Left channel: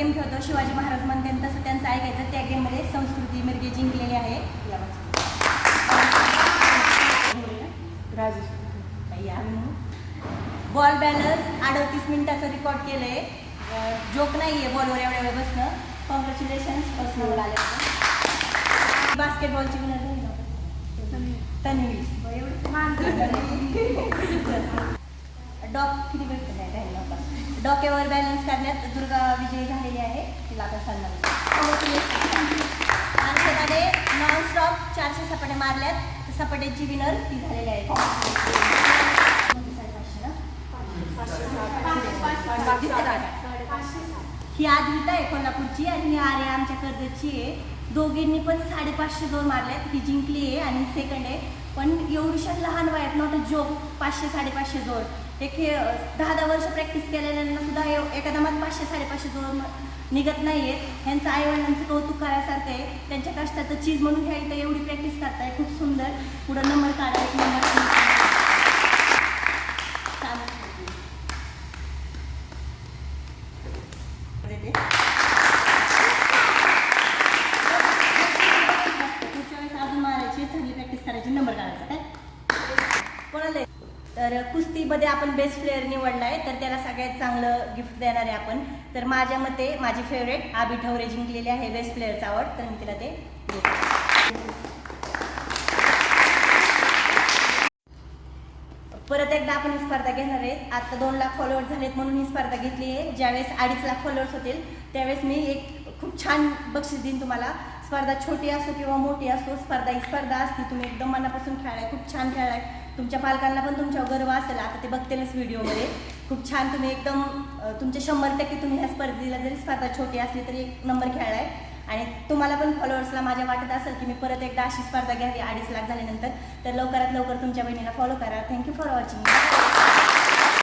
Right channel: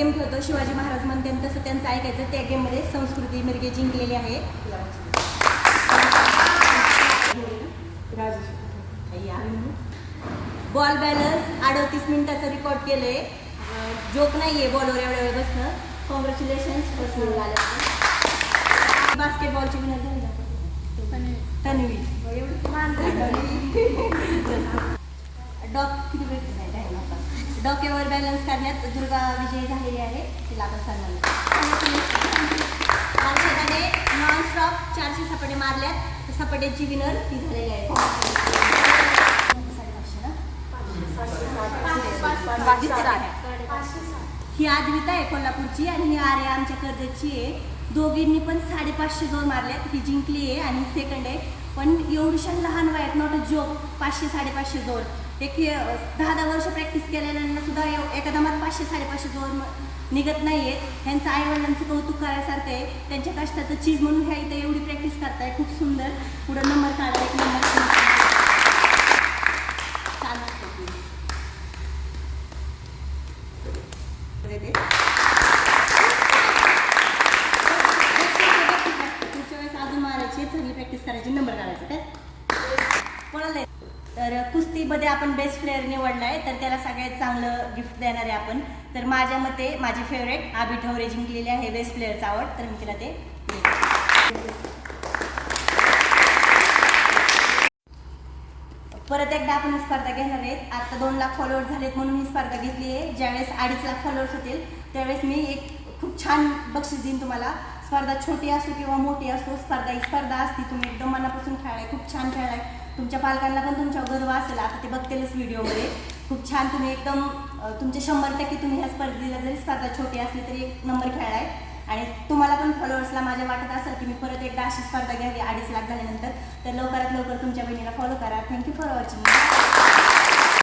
Game खेळतो शिवाजी महाराज म्हणते तसं त्यांचं ऐकायचं. त्या गेममध्ये संस्कृती मिरगे जिंकलेले आहे. बॉल बॅलन्स 38 मिनिटाचं रेकॉर्ड केलंय. जोक नाहीये बॉलवर एवढ्या वेळ बसणं. कॉंग्रॅच्युलेशन्स फर्स्ट नंबर आले. बास्केटबॉलची विनर झाली ना तन्वी. डॉक किती भेटत नाही डॉकेवर बॅलन्स करण्यात दुर्गा विजयी झालेली आहे. तिला आपण सन्मान आणि नॉनस्टॉप 400 सपाटे मारल्यात. सपाट्याची विनर ती झालेली आहे. ही आद्विता आहे कोल्हापूरची आणि ही आर्या आमच्या कर्जतची आहे. दोघींनी पण 550 जोर मारल्यात. ही जिंकली आहे आणि सेकंड आहे. पण एवढ्या लहान वयात नॉट अ जोक 500-550 जोर. एक 10 वर्ष प्रॅक्टिस केलेल्यांना सुद्धा एका दमात 500-550 जोर निघत नाही आहेत. ह्यांचं आईवडिलांचं कौतुक करायसारखं आहे. त्यांच्या कष्टाचं चीज म्हणून ह्या इथं एवढी प्रॅक्टिस करताय. खूप सुंदर. पुढं नंबर काढायचं प्रॅक्टिस करायची नंबर काढायचा काय कोणाला. तर कुस्तीमध्ये आपण बेस्ट प्लेअर निवडलाय तर त्याला सगळ्यात चांगलं गिफ्ट देणार आहे आपण. तर माझ्या मते माझी फेवरेट आबी ठवरे जिंकलेली आहे बेस्ट प्लेअरचा अवॉर्ड. तर मी तिला ते परत एकदा आपण ही स्पर्धा घेणार आहेत. आता 2 लाख फॉलोअर्स झालेत म्हणून ही स्पर्धा घेतली आहे. ज्यावेळेस 2.5 लाख फॉलोअर्स होतील त्यावेळेस मी एक खूप छान बक्षीस देईन तुम्हाला. स्पर्धा छोटी असो किंवा मोठी असो स्पर्धा ही स्पर्धा असते. तुम्ही एकदम मनापासून खेळाय खूप छान खेळाय. तुमच्या पालकांना पण तुमच्या गर्व असेल. आता ते बघतेच व्हिडिओमध्ये खूप छान तुम्ही एकदम तुमचे 100% तुम्ही ह्या स्पर्धेला जरी स्पर्धा छोटी असली तरी 1 नंबर खेळाय. आणि तुम्हाला पण फॉलोअर्सला माझ्या वाटत असेल की मी परत एकदा अशी स्पर्धा घ्यावी 2.5 लाख झाल्यानंतर. तर लवकरात लवकर तुमच्या बहिणीला फॉलो करा. Thank you for watching.